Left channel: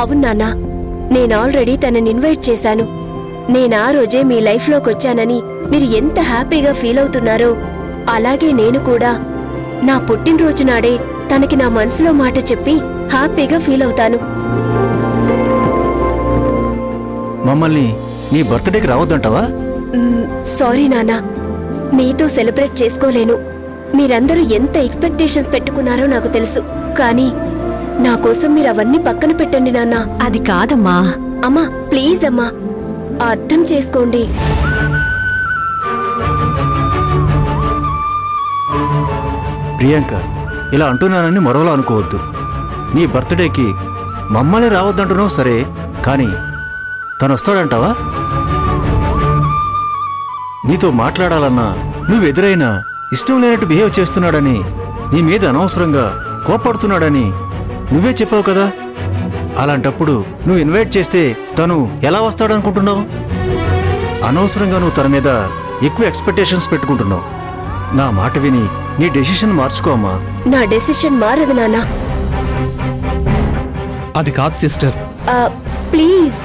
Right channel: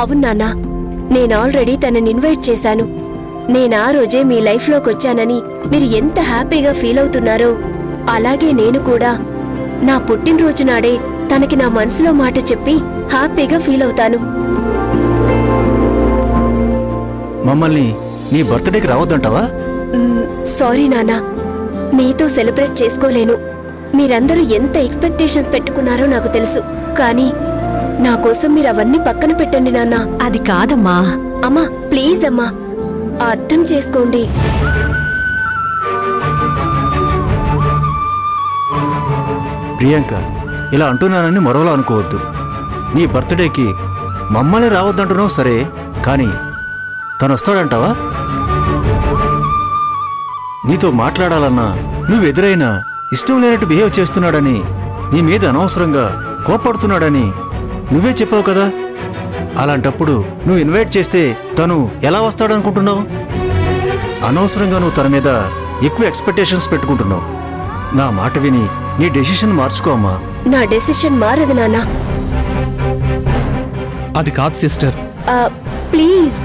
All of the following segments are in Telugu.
అవును నాన్న, నేను ఆల్రెడీ తనని ఇన్వైట్ చేశాను. నేను ఆ రోజే మీ లైఫ్లోకి వచ్చానని మీరు ఎంత హ్యాపీగా ఫీల్ అవుతున్నారో అలాగే నేను కూడా నా పుట్టినరోజు నాడే తనకి నా మనసులో మాట చెప్పి హ్యాపీగా ఫీల్ అవుతాను. మమ్మల్ని నీ బర్త్డేకి రావద్దంటావా? సారీ నాన్న, మీతో సెలబ్రేట్ చేసుకోలేను. మీరందరూ ఎంత ఎక్స్పెక్టేషన్స్ పెట్టుకున్నారో నాకు తెలుసు. కానీ నా కోసం మీరు అవన్నీ పక్కన పెట్టండి నాన్న. అది కాదమ్మా. అమ్మా ప్లీజ్ అమ్మా, అర్థం చేసుకోండి. ప్రియాంక, ఇలా అంటున్నానని మరోలా అనుకోవద్దు. నీ బర్త్డేకి మమ్మల్ని రావద్దంటున్నావు సరే, కానీ తను వస్తాడంటావా? నీతో మాట్లాడాలన్నా నువ్వు ఎదురైనా ఇష్టం లేనట్టు బిహేవ్ చేస్తున్నాడని, నీ మీద అనవసరంగా కోప్పడుతున్నాడని నువ్వే చెప్పావు కదా. అలాంటప్పుడు నువ్వు ఇన్వైట్ చేస్తే తను ఎలా వస్తాడనుకుంటున్నావు? అనవసరంగా నువ్వు తన మీద ఎక్కువ ఎక్స్పెక్టేషన్స్ పెట్టుకుంటున్నావు. నా మాట విని నీ డెసిషన్ మార్చుకో అమ్మా. నా డెసిషన్ మారదు నాన్న. అది కాదు సిస్టర్. ప్లీజ్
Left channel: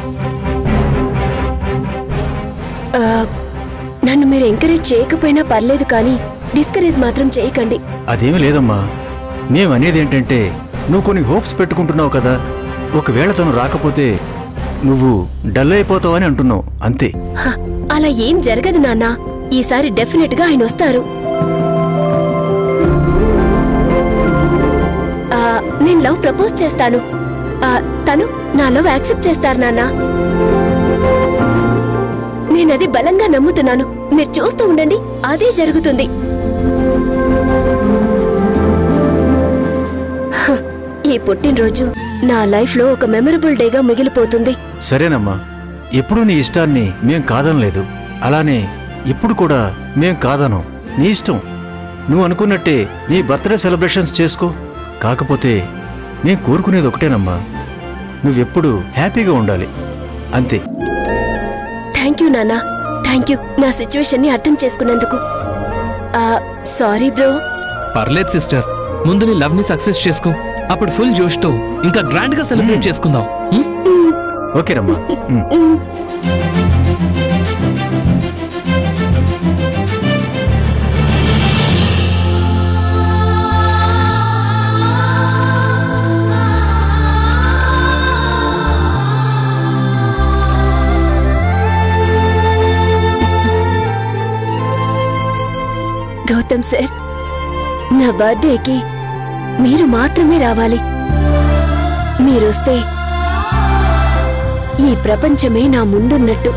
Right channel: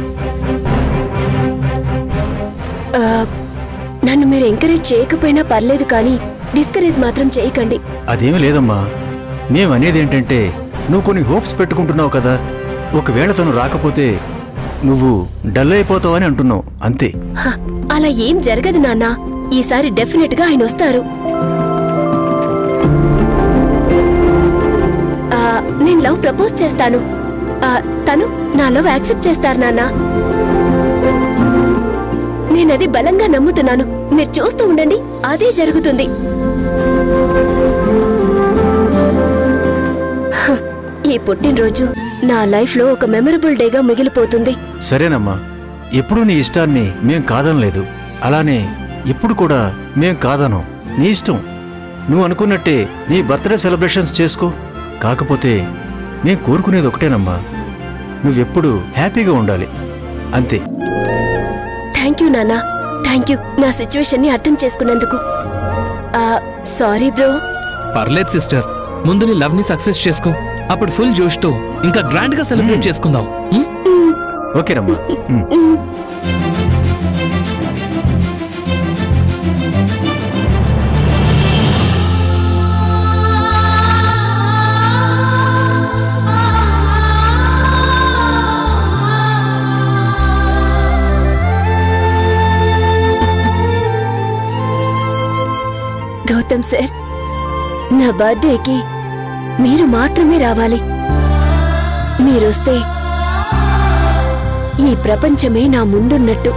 నన్ను మీరు ఎంకరేజ్ చేయకపోయినా పర్లేదు, కానీ డిస్కరేజ్ మాత్రం చేయకండి. అదేమీ లేదమ్మా. మేమనేదేంటంటే, నువ్వు కొన్ని హోప్స్ పెట్టుకుంటున్నావు కదా. ఒకవేళ తను రాకపోతే నువ్వు డల్ అయిపోతావని అంటున్నావు, అంతే. అలా ఏం జరగదు నాన్న. ఈసారి డెఫినెట్ గా ఆయన వస్తారు. నేను లవ్ ప్రపోజ్ చేస్తాను. తను నా లవ్ యాక్సెప్ట్ చేస్తారు నాన్న. నేనది బలంగా నమ్ముతున్నాను. మీరు చూస్తూ ఉండండి, అదే జరుగుతుంది. ఈ పుట్టినరోజు నా లైఫ్ లో ఒక మెమరబుల్ డేగా మిగిలిపోతుంది. సరేనమ్మా, ఎప్పుడు నీ ఇష్టాన్ని మేం కాదనలేదు. అలానే ఇప్పుడు కూడా మేం కాదనం. నీ ఇష్టం. నువ్వు అనుకున్నట్టే నీ బర్త్డే సెలబ్రేషన్స్ చేసుకో. కాకపోతే నేను కోరుకునేది ఒకటేనమ్మా, నువ్వెప్పుడు హ్యాపీగా ఉండాలి, అంతే. థ్యాంక్ యూ నాన్న, థ్యాంక్ యూ నా సిచ్యువేషన్ ని అర్థం చేసుకున్నందుకు. Sorry bro. పర్లేదు సిస్టర్, ముందు నీ లవ్ ని సక్సెస్ చేసుకో. అప్పుడు ఫుల్ జోష్ తో ఇంకా గ్రాండ్ గా సెలబ్రేట్ చేసుకుందాం. ఓకేనమ్మా. గౌతమ్ సార్, నా బర్త్డేకి మీరు మాత్రమే రావాలి. మీరొస్తే ఈ ప్రపంచమే నా ముందున్నట్టు.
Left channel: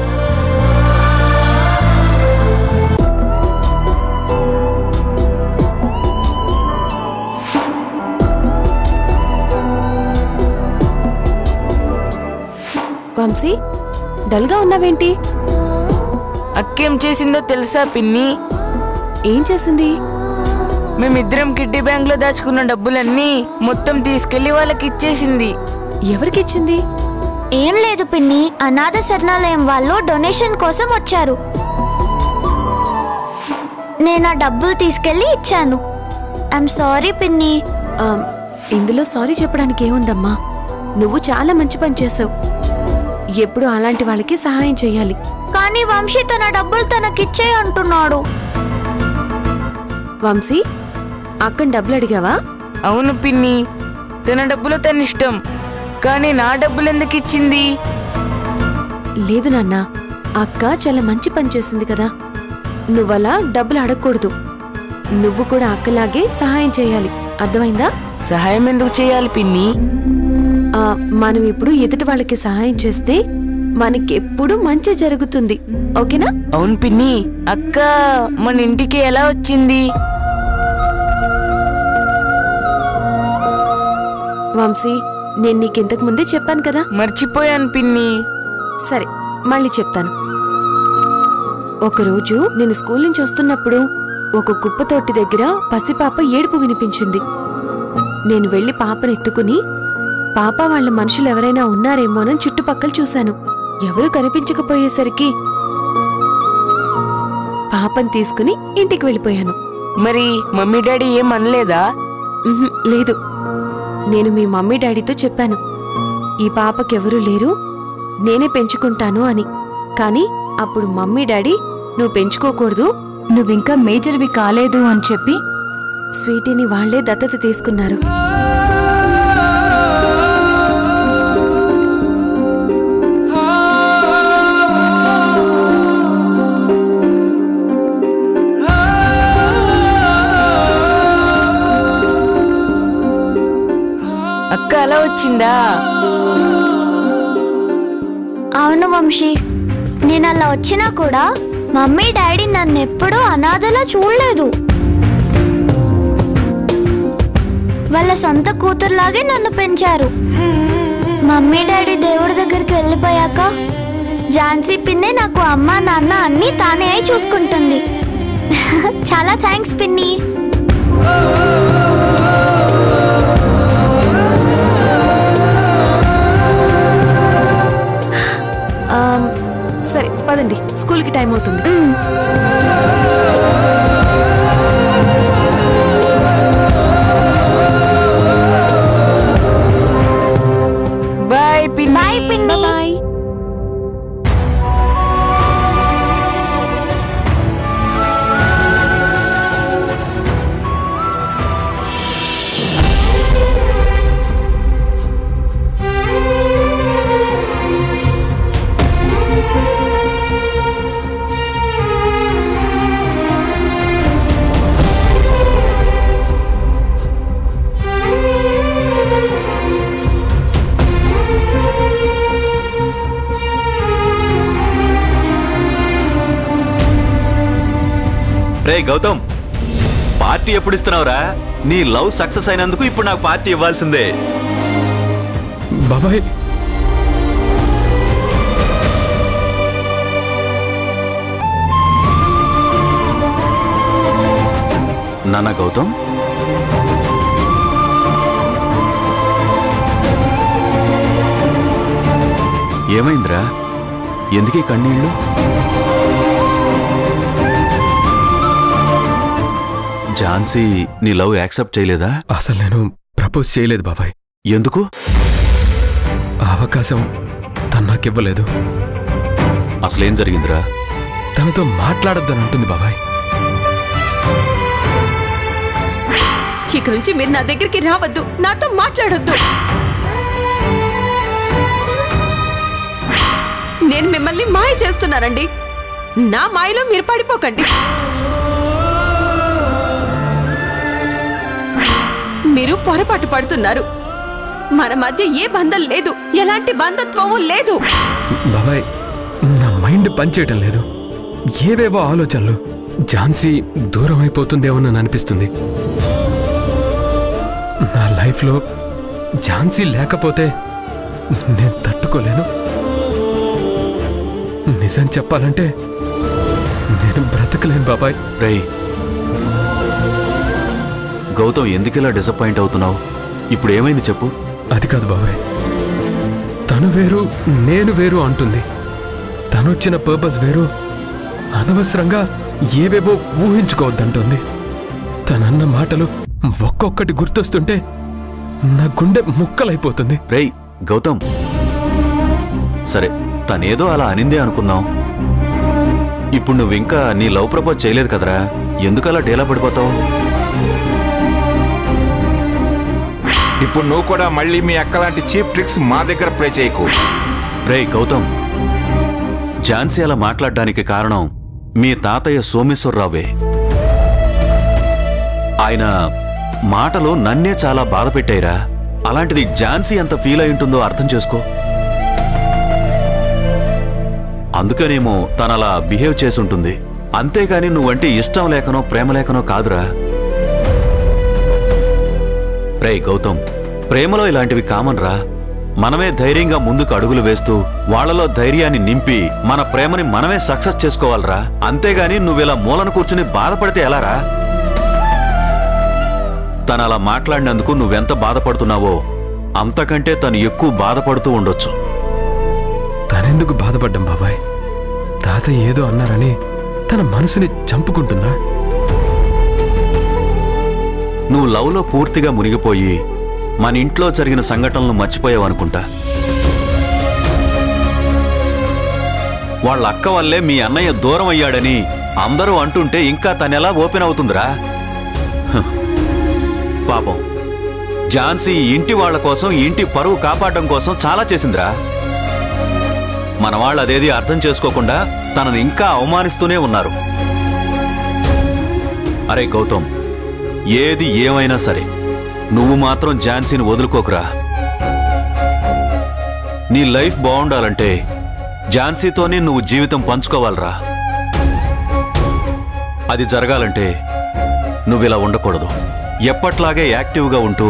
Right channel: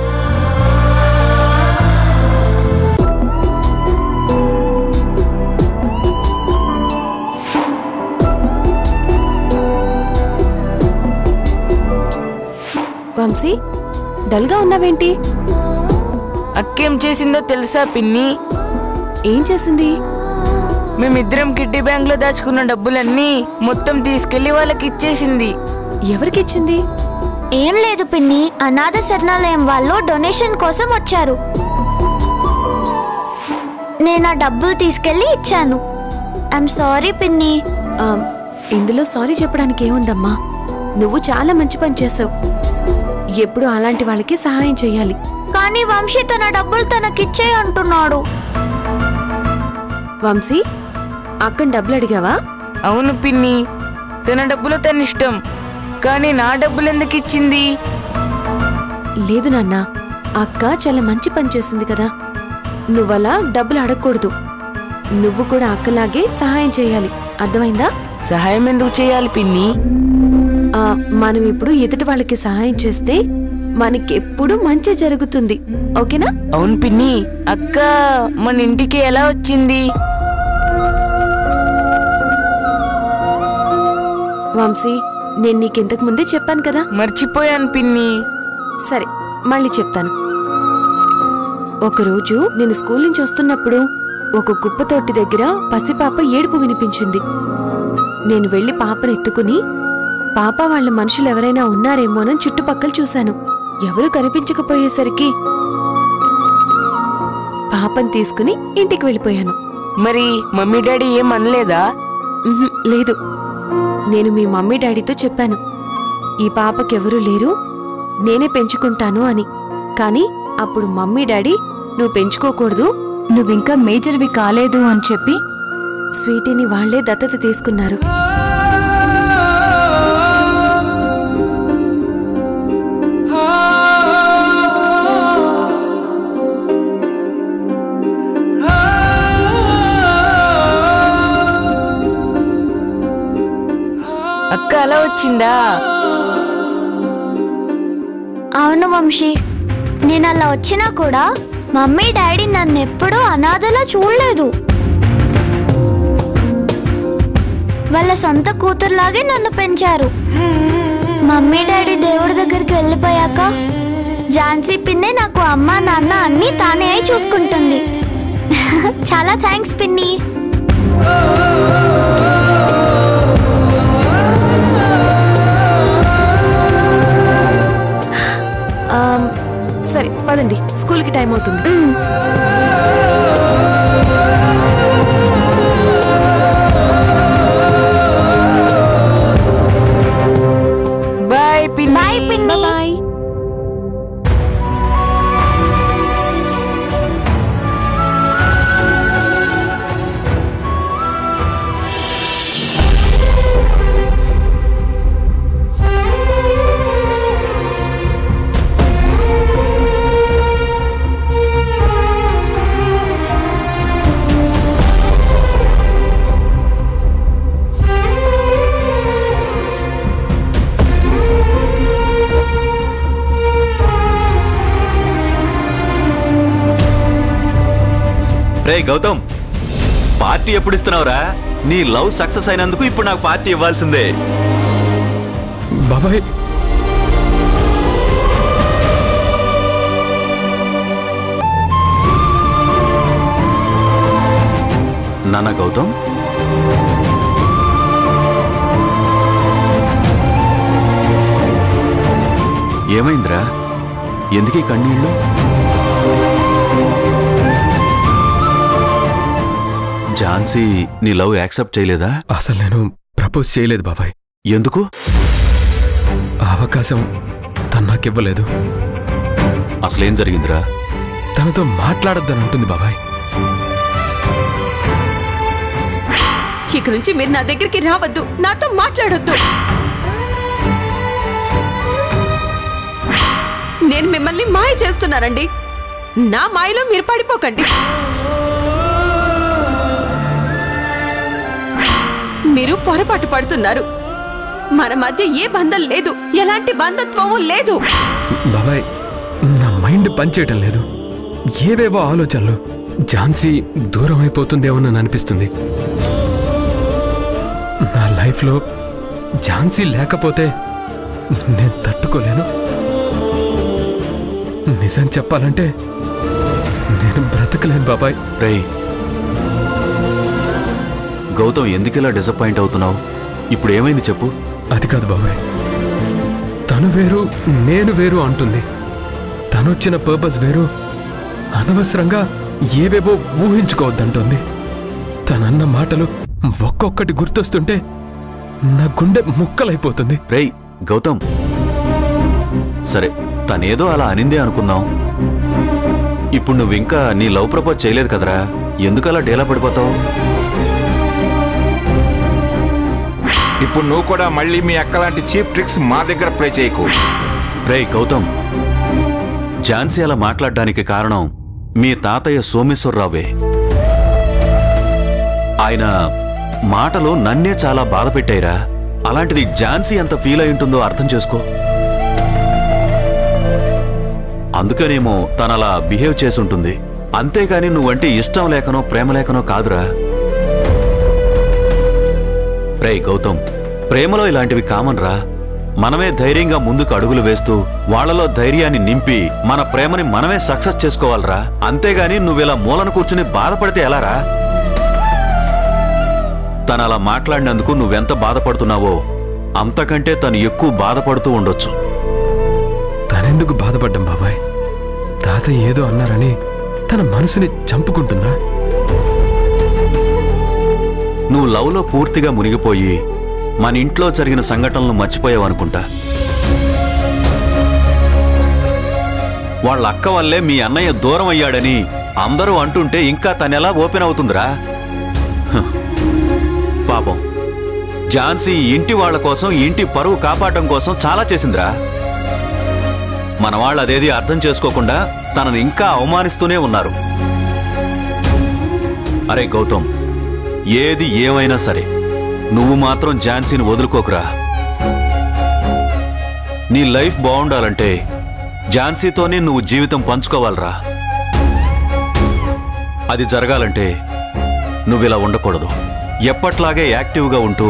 వంశీ, డల్గా ఉన్నావేంటి? అక్కేం చేసిందో తెలుసా పిన్ని? ఏం చేసింది? మేమిద్దరం కిడ్డీ బ్యాంక్ లో దాచుకున్న డబ్బులన్నీ మొత్తం తీసుకెళ్లి వాళ్ళకి ఇచ్చేసింది. ఎవరికిచ్చింది? ఏం లేదు పిన్ని, అనాథ శరణాలయం వాళ్ళు డొనేషన్ కోసం వచ్చారు. నేను ఆ డబ్బులు తీసుకెళ్లి ఇచ్చాను. ఐఎమ్ సారీ పిన్ని. ఇందులో సారీ చెప్పడానికి ఏముందమ్మా? నువ్వు చాలా మంచి పని చేసావు. ఎప్పుడు అలాంటి వాళ్ళకి సహాయం చేయాలి. కానీ వంశీ తన డబ్బులు తనకిచ్చే అంటున్నాడు. వంశీ, అక్కని డబ్బులు అడిగావా? అవును పిన్ని, తన డబ్బులు తన ఇష్టం, కానీ నా డబ్బులు ఎందుకు ఇచ్చింది? లేదు నాన్న, అక్క చాలా మంచి పని చేసింది కదా. నువ్వలా డబ్బులు అడగకూడదు. నువ్వు కూడా అక్కలాగే సహాయం చేయాలి, అర్థమైందా? సహాయం ఎందుకు చేయాలి పిన్ని? మనం ఇప్పుడు ఎదుటి వాళ్ళకి సహాయం చేస్తే మనకెప్పుడు మంచి జరుగుతుంది, ఓకేనా? అవును పిన్ని, అక్క మన ఇంటికి ఎలా వచ్చింది? వంశీ, నేను నీకింతకు ముందే చెప్పాను కదా. మర్చిపోయాను పిన్ని. సరే, మళ్ళీ చెప్తాను. ఒకరోజు నేను స్కూల్ నుంచి వస్తున్నప్పుడు ఒక కుప్పతోటి దగ్గర పసిపాప ఏడుపు వినిపించింది. నేను వెళ్లి పాపను ఎత్తుకుని పాప వాళ్ళ మనుషులు ఎవరైనా ఉన్నారేమోనని చుట్టుపక్కల చూశాను. ఎవరూ కనిపించకపోయేసరికి పాపను తీసుకుని ఇంటికి వెళ్ళిపోయాను. మరి మమ్మీ డాడీ ఏం అనలేదా? లేదు, నేను మీ మమ్మీ డాడీతో చెప్పాను ఈ పాపకెవరూ లేరు, నేనే పెంచుకుంటాను అని. కానీ అప్పుడు మమ్మీ డాడీ నువ్వు పెంచుకోకూడదు, నువ్వింకా మేజర్వి కాలేదు అని చెప్పి స్వీటీని వాళ్లే దత్తత తీసుకున్నారు. అక్క అలా వచ్చిందా? అవును వంశీ, నేను అలా వచ్చినా కూడా మమ్మీ డాడీ నన్ను ఎప్పుడూ అనాథలా చూడలేదు. వాళ్ళ సొంత కూతురులాగే నన్ను పెంచారు. మమ్మీ డాడీ దేవుడి దగ్గరికి వెళ్ళిపోయాక ఝాన్సీ పిన్నే నాకు అమ్మ నాన్న అన్నీ తానే అయి చూసుకుంటుంది. చాలా థ్యాంక్స్ పిన్ని. సరే పదండి, స్కూల్కి టైం అవుతుంది. బాయ్ పిన్ని. బాయ్ పిన్ని. బాయ్. రే గౌతమ్, పార్టీ ఎప్పుడు ఇస్తున్నావురా? నీ లవ్ సక్సెస్ అయినందుకు ఇప్పుడు నాకు పార్టీ ఇవ్వాల్సిందే. బాబాయ్, నాన్న గౌతమ్, ఏమైందిరా? ఎందుకీ కన్నీళ్ళు? ఝాన్సీ నీ లవ్ యాక్సెప్ట్ చేయలేదా? అసలు నేను ప్రపోజ్ చేయలేదు బాబాయ్. ఎందుకు? ఆ అవకాశం తను నాకివ్వలేదు. అసలేం జరిగిందిరా? తనతో మాట్లాడొద్దని అంటుంది బాబాయ్. ఇక నుంచి మీరు నా దగ్గరికి రావద్దు, నాతో మాట్లాడొద్దు. నేను మిమ్మల్ని మాయ చేస్తున్నానండి, నా మాయలో మీరు పడిపోకండి. మీరు పొరపాటు పడుతున్నారు. మన మధ్య ఏ బంధం లేదు, ఎలాంటి బంధత్వము లేదు. బాబాయ్, నా మైండ్ పనిచేయటం లేదు. ఏవేవో ఆలోచనలు. ఝాన్సీ దూరం అయిపోతుందేమోనని అనిపిస్తుంది. నా లైఫ్లో ఝాన్సీ లేకపోతే నేను తట్టుకోలేను. నిజం చెప్పాలంటే నేను బ్రతకలేను బాబాయ్. రేయ్ గౌతమ్, ఎందుకిలా డిసప్పాయింట్ అవుతున్నావు? ఇప్పుడు ఏమైంది చెప్పు. అది కాదు బాబాయ్, తను వేరు నేను వేరు అంటుంది. తనొచ్చిన పర్పస్ వేరు. అనవసరంగా ఏవేవో ఊహించుకోవద్దంటుంది. తనన్న మాటలు ఒక్కొక్కటి గుర్తొస్తుంటే నా గుండె ముక్కలైపోతుంది. రేయ్ గౌతమ్, సరే తనేదో అలా అనిందే అనుకుందాం. ఇప్పుడు నువ్వింకా నీ లవ్ ప్రపోజ్ చేయలేదు కదరా, ఎందుకలా డేలా పడిపోతావు? ఇప్పుడు నువ్వు కూడా మళ్ళీ మీ అక్కలాంటి చీప్ ట్రిక్స్ మా దగ్గర ప్లే చేయకు. రేయ్ గౌతమ్, ఝాన్సీ అలా మాట్లాడడానికి కారణం మీ తాతయ్య సోమేశ్వరరావే. ఆయన మాటలు నన్నే చాలా బాధ పెట్టాయిరా. అలాంటిది ఝాన్సీ ఎంత ఫీల్ అయి ఉంటుందో అర్థం చేసుకో. అందుకనేమో తనలా బిహేవ్ చేసుంటుంది. అంతేగాని నువ్వంటే ఇష్టం లేకనో ప్రేమ లేకనో కాదురా. రేయ్ గౌతమ్, ప్రేమలో ఇలాంటివి కామన్ రా. మనమే ధైర్యంగా ముందుకు అడుగులు వేస్తూ వాళ్లలో ధైర్యాన్ని నింపి మన ప్రేమని మనమే సక్సెస్ చేసుకోవాలరా. అంతేగాని నువ్విలా మూలను కూర్చుని బాధపడితే ఎలారా? తను అలా మాట్లాడినందుకు నువ్వెంత బాధపడుతున్నావో అంతకంటే తను ఎక్కువ బాధపడుతూ ఉండొచ్చు. తనెందుకు బాధపడ్డం బాబాయ్? తాతయ్య ఏదో అన్నారని తన మనసుని చంపుకుంటుందా? నువ్వు లవ్లో పూర్తిగా మునిగిపోయి మన ఇంట్లో జరిగిన సంఘటనలు మర్చిపోయావనుకుంటా. వాళ్ళ అక్క వల్లే మీ అన్నయ్య దూరం అయ్యాడని అందరూ అంటుంటే ఇంకా తనెలా ఓపెన్ అవుతుందిరా? పాపం ఝాన్సీ ఇంటి వాళ్ల కోసం, ఇంటి పరువు కాపాడడం కోసం చాలా చేసిందిరా. మన వాళ్ళు అదేది అర్థం చేసుకోకుండా తనని ఇంకా అవమానిస్తూనే ఉన్నారు. అరే గౌతమ్, ఏది ఏమైనా సరే నువ్వు మాత్రం ఝాన్సీని వదులుకోకురా. నీ లైఫ్ బాగుండాలంటే ఝాన్సీతోనే నువ్వు జీవితం పంచుకోవాలరా. అది జరగాలంటే నువ్విలా ఉండకూడదు. ఎప్పట్లాగే యాక్టివ్గా ఉంటూ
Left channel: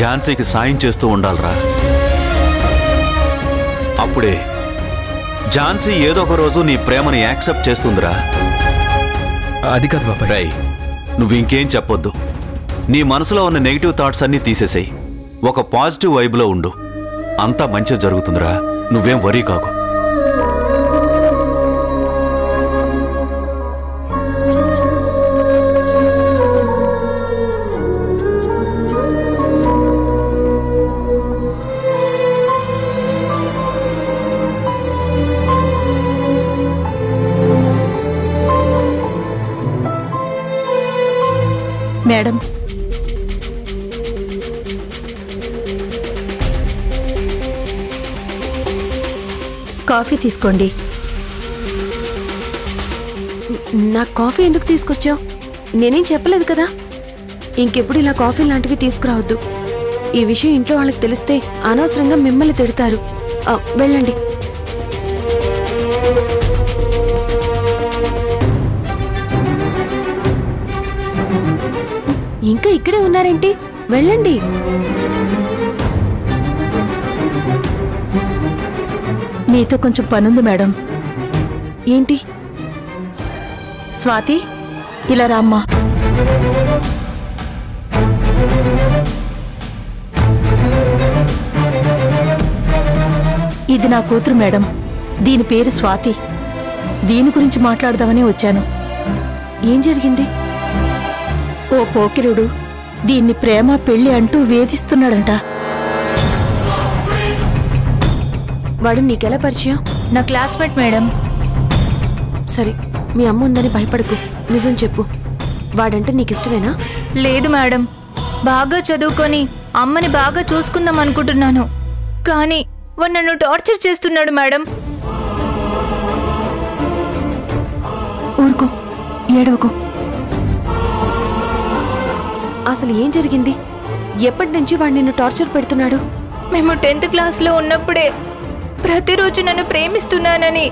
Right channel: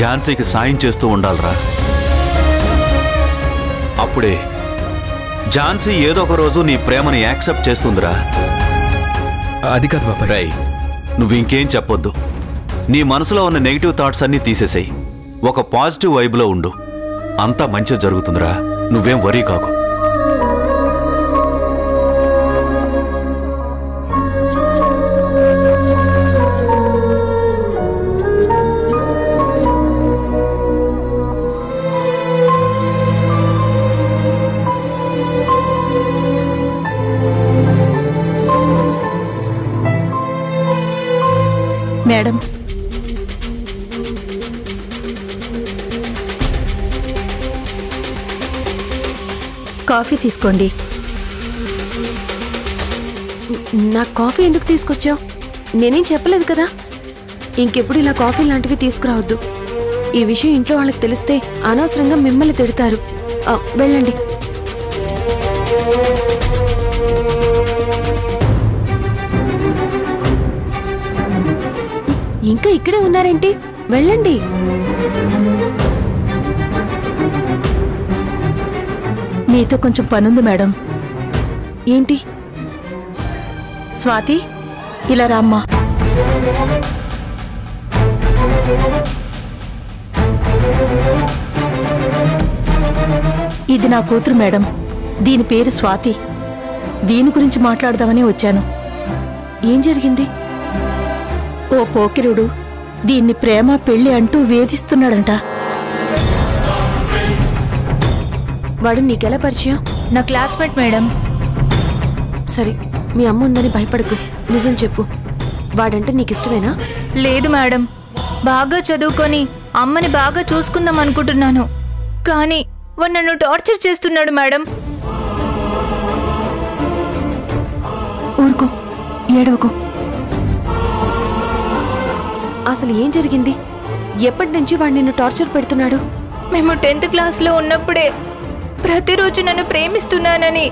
ఝాన్సీకి సాయం చేస్తూ ఉండాలరా. అప్పుడే ఝాన్సీ ఏదో ఒక రోజు నీ ప్రేమని యాక్సెప్ట్ చేస్తుందిరా. అది కాదు బాబాయ్. రై, నువ్వు ఇంకేం చెప్పొద్దు. నీ మనసులో ఉన్న నెగిటివ్ థాట్స్ అన్నీ తీసేసేయి. ఒక పాజిటివ్ వైబ్లో ఉండు. అంతా మంచి జరుగుతుందిరా. నువ్వేం వరీ కాకు. మేడం, కాఫీ తీసుకోండి. నాకు కాఫీ ఎందుకు తీసుకొచ్చావు? నేనేం చెప్పలేదు కదా. ఇంకెప్పుడు ఇలా కాఫీ లాంటివి తీసుకురావద్దు. ఈ విషయం ఇంట్లో వాళ్ళకి తెలిస్తే అనవసరంగా మిమ్మల్ని తిడతారు. వెళ్ళండి. ఇంకా ఇక్కడే ఉన్నారేంటి? వెళ్ళండి. మీతో కొంచెం పనుంది మేడం. ఏంటి? స్వాతి, ఇలా రామ్మా. ఇది నా కూతురు మేడం. దీని పేరు స్వాతి. దీని గురించి మాట్లాడదామని వచ్చాను. ఏం జరిగింది? ఓ పోకిరుడు దీన్ని ప్రేమ పెళ్లి అంటూ వేధిస్తున్నాడంట. వాడు నీకెలా పరిచయం? నా క్లాస్మేట్ మేడం. సరే, మీ అమ్మ ఉందని భయపడకు. నిజం చెప్పు. వాడంటే నీకిష్టమేనా? లేదు మేడం, బాగా చదువుకొని అమ్మని బాగా చూసుకుందాం అనుకుంటున్నాను. కానీ వాడు నన్ను టార్చర్ చేస్తున్నాడు మేడం. ఊరుకో, ఏడవకు. అసలు ఏం జరిగింది? ఎప్పటి నుంచి వాడు నిన్ను టార్చర్ పెడుతున్నాడు? మేము 10th క్లాస్లో ఉన్నప్పుడే ప్రతిరోజు నన్ను ప్రేమిస్తున్నానని,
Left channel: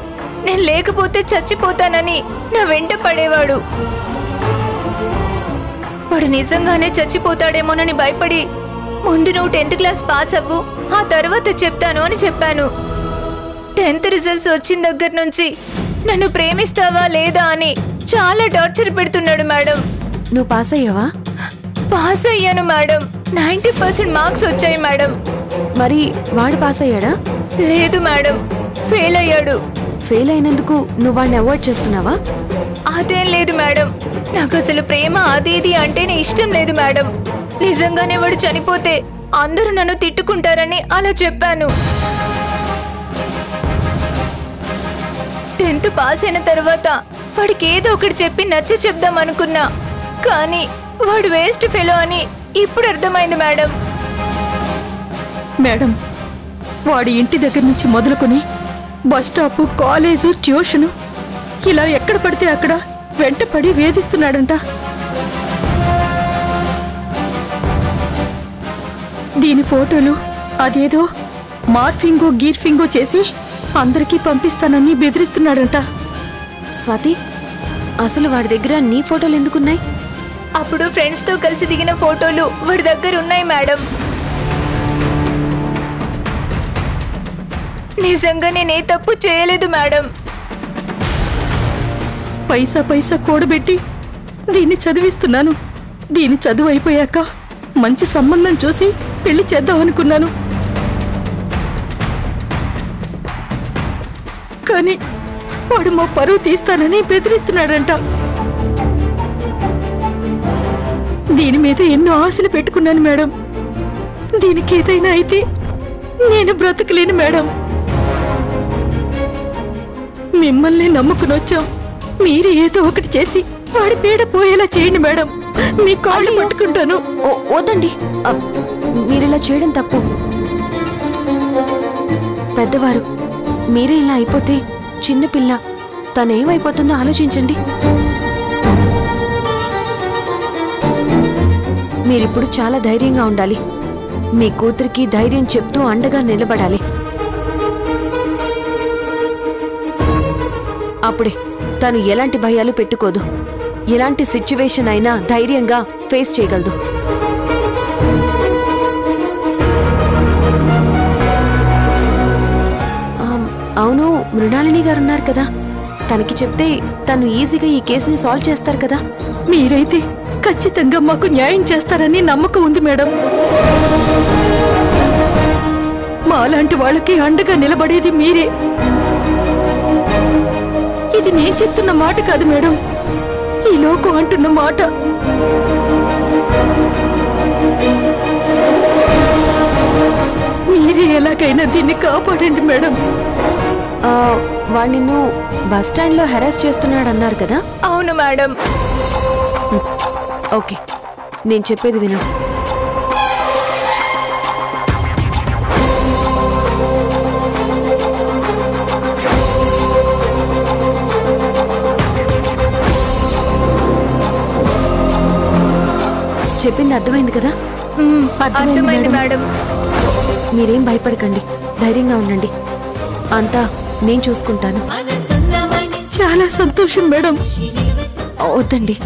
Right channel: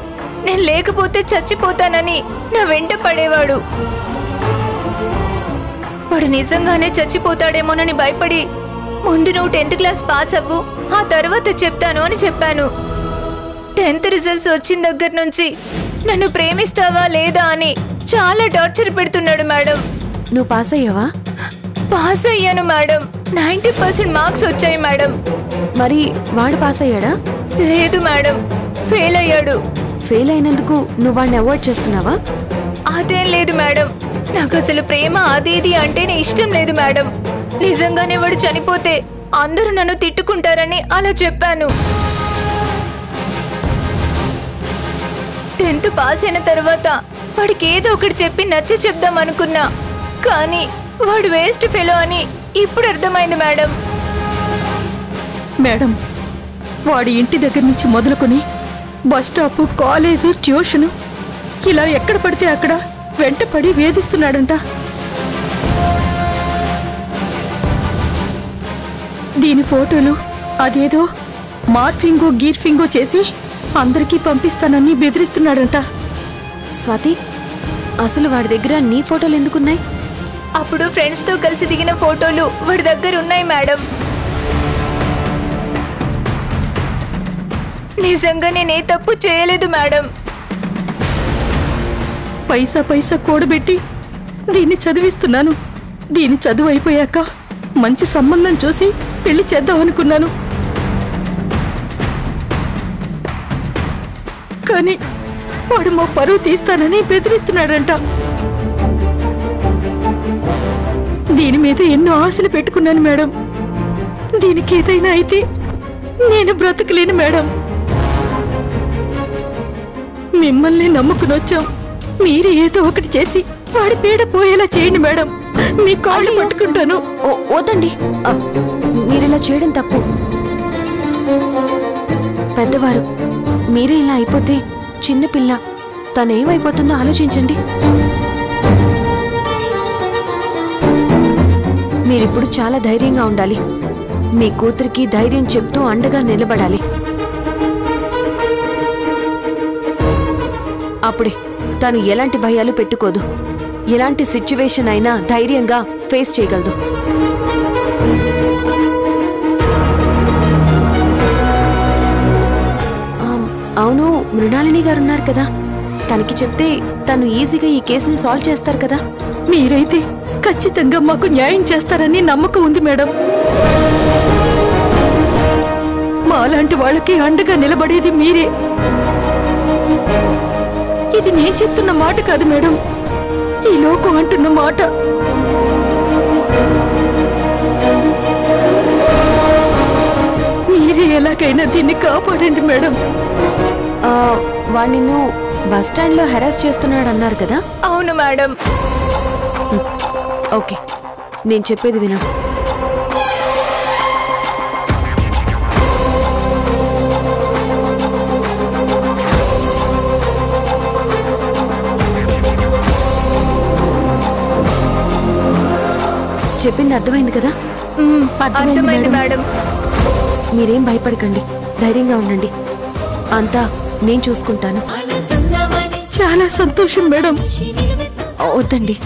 నేను లేకపోతే చచ్చిపోతానని నా వెంట పడేవాడు. వాడు నిజంగానే చచ్చిపోతాడేమోనని భయపడి, ముందు నువ్వు 10th క్లాస్ పాస్ అవ్వు, ఆ తర్వాత చెప్తాను అని చెప్పాను. 10th రిజల్ట్స్ వచ్చిన దగ్గర నుంచి నన్ను ప్రేమిస్తావా లేదా అని చాలా టార్చర్ పెడుతున్నాడు మేడం. నువ్వు పాస్ అయ్యావా? పాస్ అయ్యాను మేడం. 90% మార్క్స్ వచ్చాయి మేడం. మరి వాడు పాస్ అయ్యాడా? లేదు మేడం, ఫెయిల్ అయ్యాడు. ఫెయిల్ అయినందుకు నువ్వు వాడిని అవాయిడ్ చేస్తున్నావా? అదేం లేదు మేడం, నాకు అసలు ప్రేమ అదేది అంటేనే ఇష్టం లేదు మేడం. నిజంగానే వాడు చనిపోతే అందరూ నన్ను తిట్టుకుంటారని అలా చెప్పాను. 10th పాస్ అయిన తర్వాత వాడికి ఏదో ఒకటి చెప్పి నచ్చ చెప్దాం అనుకున్నా. కానీ వాడు వేస్ట్ ఫెలో అని ఇప్పుడు అర్థమైంది మేడం. మేడం, వాడి ఇంటి దగ్గర నుంచి మొదలుకొని బస్ స్టాపు, కాలేజు, ట్యూషను ఇలా ఎక్కడ పడితే అక్కడ వెంటపడి వేధిస్తున్నాడంట. దీని ఫోటోలు అదేదో మార్ఫింగో గీర్ఫింగో చేసి అందరికీ పంపిస్తానని బెదిరిస్తున్నాడంట. స్వాతి, అసలు వాడి దగ్గర నీ ఫోటోలు ఎందుకున్నాయి? అప్పుడు ఫ్రెండ్స్తో కలిసి దిగిన ఫోటోలు వాడి దగ్గర ఉన్నాయి మేడం. నిజంగా నేనే తప్పు చేయలేదు మేడం. పైసా పైసా కూడబెట్టి దీన్ని చదివిస్తున్నాను. దీని చదువు అయిపోయాక మంచి సంబంధం చూసి పెళ్లి చేద్దామనుకున్నాను. కానీ వాడు మా పరువు తీస్తానని బెదిరిస్తున్నాడంట. దీని మీద ఎన్నో ఆశలు పెట్టుకున్నాను మేడం. దీనికి ఏదైనా అయితే నేను బ్రతకలేను మేడం. మిమ్మల్ని నమ్ముకుని వచ్చాం. మీరు ఏదో ఒకటి చేసి వాడి పీడ పోయేలా చేయండి మేడం. మీ కాళ్ళు పట్టుకుంటాను. వద్దండి, మీరిలా చేయడం తప్పు. పెద్దవారు, మీరే ఇలా అయిపోతే చిన్నపిల్ల తనేమైపోతుందో ఆలోచించండి. మీరిప్పుడు చాలా ధైర్యంగా ఉండాలి. మీ కూతురికి ధైర్యం చెప్తూ అండగా నిలబడాలి. అప్పుడే తను ఎలాంటి భయాలు పెట్టుకోదు. ఎలాంటి సిచ్యువేషన్ అయినా ధైర్యంగా ఫేస్ చేయగలదు. అవును, మృణాలిని గారున్నారు కదా, తనకి చెప్తే తను ఈజీగా ఈ కేసుని సాల్వ్ చేస్తారు కదా. మీరైతే ఖచ్చితంగా మాకు న్యాయం చేస్తారని నమ్మకం ఉంది మేడం. మాలాంటి వాళ్ళకి అండగా నిలబడేది మీరే. ఇది నేను చెప్తున్న మాట కాదు మేడం, ఈ లోకం అంటున్న మాట. మీరే ఎలాగైనా దీన్ని కాపాడండి మేడం. వాడు నిన్ను బస్ స్టాండ్ లో హెరాస్ చేస్తున్నాడు అన్నారు కదా. అవును మేడం. ఓకే, నేను చెప్పేది విను. చెప్పింది అర్థమైంది కదా? అర్థమైంది మేడం. మీరేం భయపడకండి, ధైర్యంగా ఉండండి. అంతా నేను చూసుకుంటాను. చాలా సంతోషం మేడం. వద్దండి,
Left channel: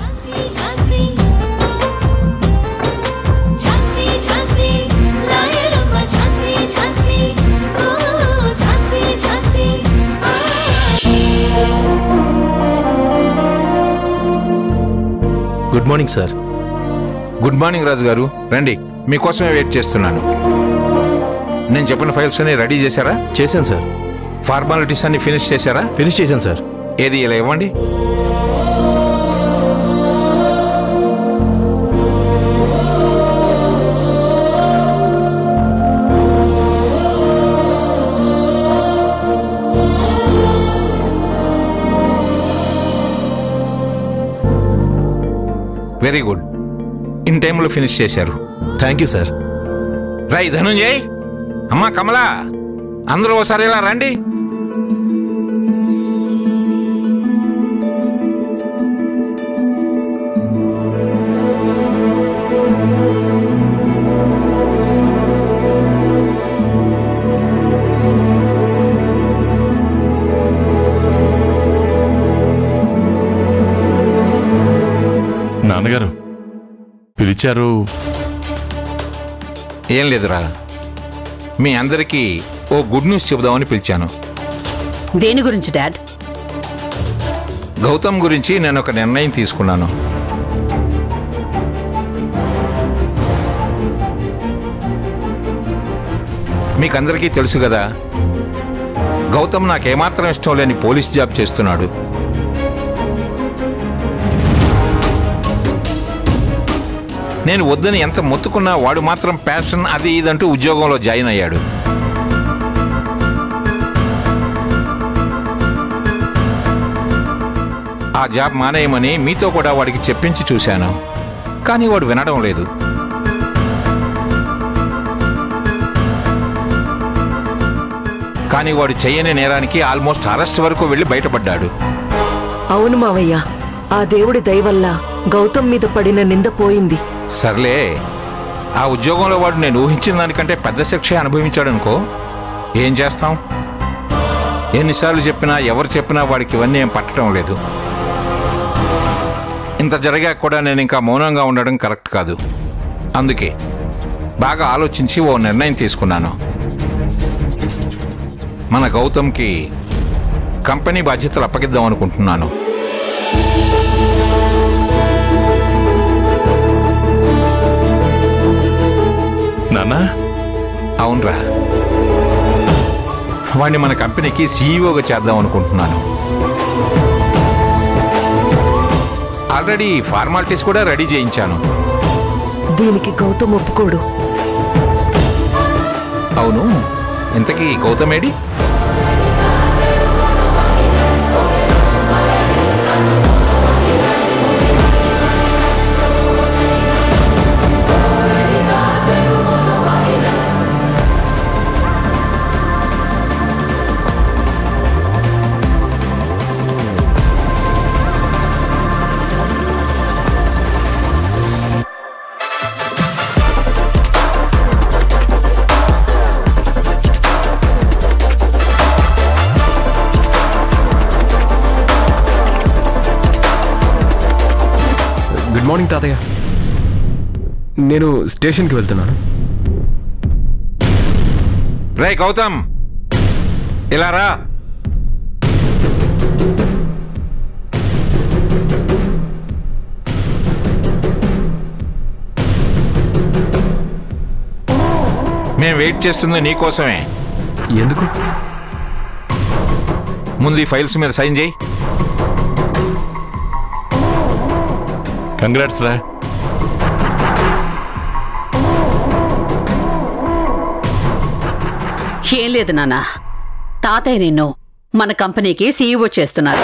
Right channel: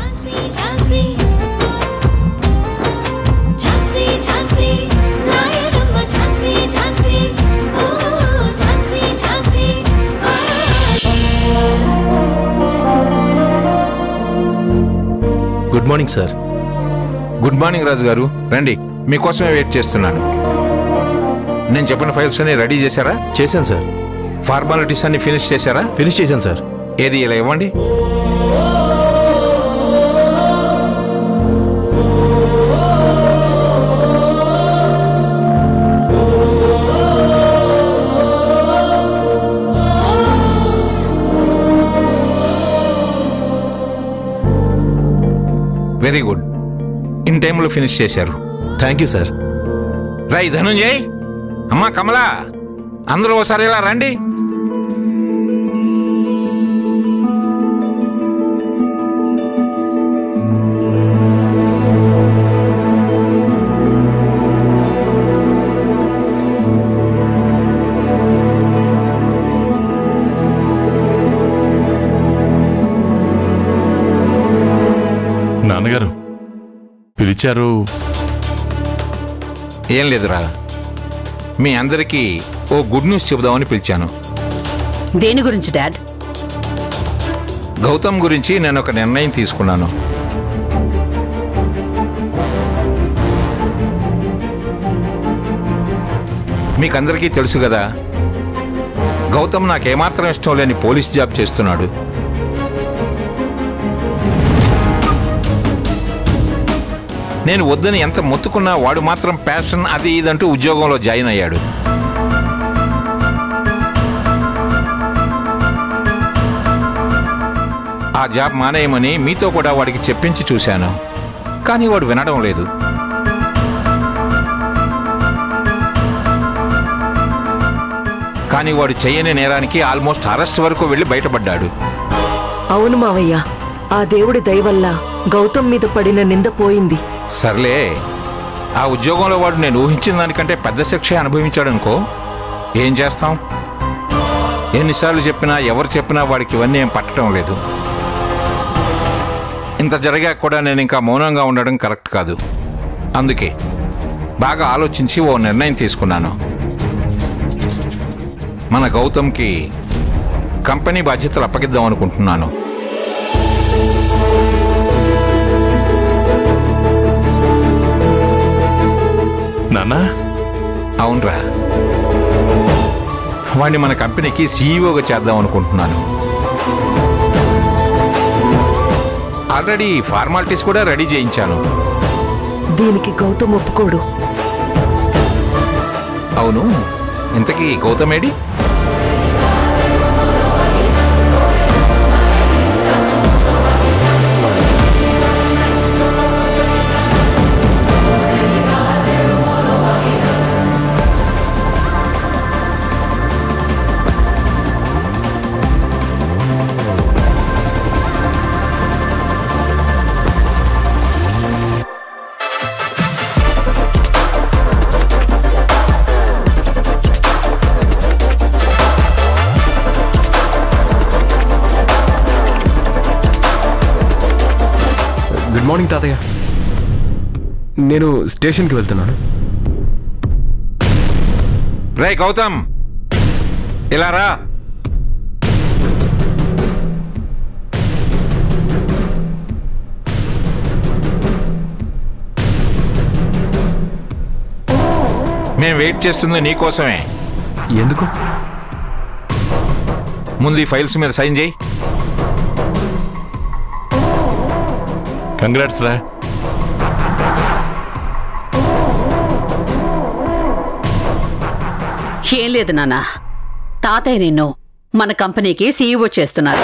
good morning sir. Good morning Raju గారు, రండి, మీకోసమే వెయిట్ చేస్తున్నాను. నేను చెప్పిన ఫైల్స్ అన్ని రెడీ చేశారా? చేశాను సార్. ఫార్మాలిటీస్ అన్ని ఫినిష్ చేశారా? ఫినిష్ చేశాను సార్. ఏది ఇలా ఇవ్వండి. వెరీ గుడ్, ఇన్ టైంలో ఫినిష్ చేశారు. Thank you sir. Rai Dhanunjay, అమ్మా కమలా, అందరూ ఒకసారి ఇలా రండి. నాన్నగారు పిలిచారు? ఏం లేదురా, మీ అందరికీ ఓ గుడ్ న్యూస్ చెబుదామని పిలిచాను. దేని గురించి డాడ్? గౌతమ్ గురించి నేను ఒక నిర్ణయం తీసుకున్నాను. మీకందరికీ తెలుసు కదా, గౌతమ్ నాకేమాత్రం ఇష్టం లేని పోలీస్ జాబ్ చేస్తున్నాడు. నేను వద్దని ఎంత మొత్తుకున్నా వాడు మాత్రం ప్యాషన్ అది ఇదంటూ ఉద్యోగంలో జాయిన్ అయ్యాడు. ఆ జాబ్ మానేయమని మీతో కూడా వాడికి చెప్పించి చూశాను, కానీ వాడు వినడం లేదు. కానీ వాడు చెయ్యని నేరానికి ఆల్మోస్ట్ అరెస్ట్ వరకు వెళ్ళి బయటపడ్డాడు. అవును మావయ్య, ఆ దేవుడి దయ వల్ల గౌతమ్ మీద పడిన నింద పోయింది. సర్లే, ఆ ఉద్యోగంలో వాడు నేను ఊహించిన దానికంటే పెద్ద శిక్ష అనుభవించాడనుకో, ఏం చేస్తాం? ఎన్నిసార్లు చెప్పినా ఎవరు చెప్పినా వాడికి ఇవన్నీ ఏం పట్టడం లేదు. ఇంత జరిగాక కూడా నేను ఇంకా మౌనంగా ఉండడం కరెక్ట్ కాదు. అందుకే బాగా ఆలోచించి ఓ నిర్ణయం తీసుకున్నాను. మన గౌతమ్కి కంపెనీ బాధ్యతలు అప్పగిద్దాం అనుకుంటున్నాను. నాన్నా? అవునరా, వాడిని మన కంపెనీకి సీఈఓగా చేద్దాం అనుకుంటున్నాను. ఆల్రెడీ ఫార్మాలిటీస్ కూడా రెడీ చేయించాను. దీనికి గౌతమ్ ఒప్పుకోడు. అవును, ఇంతకీ గౌతమేడి? గుడ్ మార్నింగ్ తాతయ్య. నేను స్టేషన్కి వెళ్తున్నాను. రే గౌతమ్, ఇలా రా. మేము వెయిట్ చేస్తుంది నీకోసమే. ఎందుకు? ముందు ఈ ఫైల్స్ మీద సైన్ చేయి. కంగ్రాట్స్ రా. ఏం లేదు నాన్న, తాతయ్య నిన్ను మన కంపెనీకి సీఈఓ చేస్తున్నారు.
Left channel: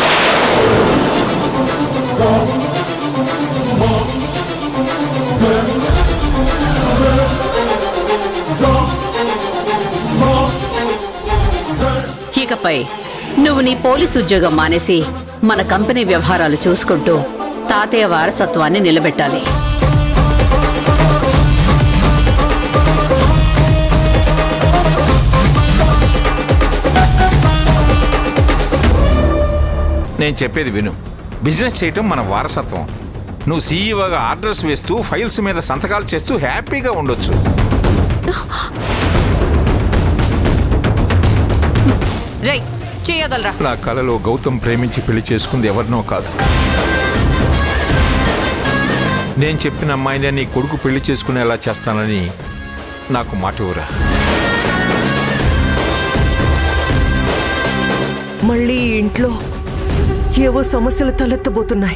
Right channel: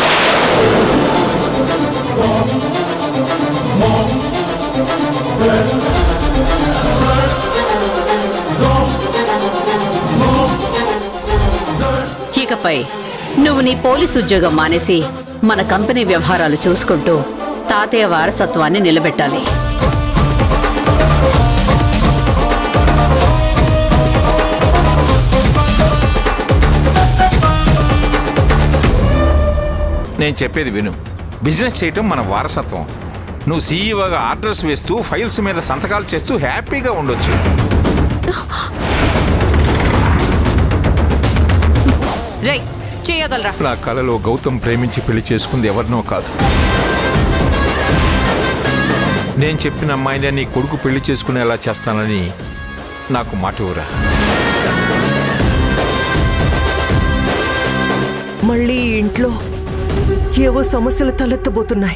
ఇకపై నువ్వు నీ పోలీసు ఉద్యోగం మానేసి మన కంపెనీ వ్యవహారాలు చూసుకుంటూ తాతయ్య వారసత్వాన్ని నిలబెట్టాలి. నేను చెప్పేది విను. బిజినెస్ చేయటం మన వారసత్వం. నువ్వు సీఈఓగా ఆర్డర్స్ వేస్తూ ఫైల్స్ మీద సంతకాలు చేస్తూ హ్యాపీగా ఉండొచ్చు. నా కలలో గౌతమ్ ప్రేమించి పెళ్లి చేసుకుంది ఎవరినో కాదు. నేను చెప్పిన అమ్మాయిని నీ కొడుకు పెళ్లి చేసుకునేలా చేస్తానని నాకు మాట ఇవ్వరా. మళ్ళీ ఇంట్లో ఏవో సమస్యలు తలెత్తబోతున్నాయి.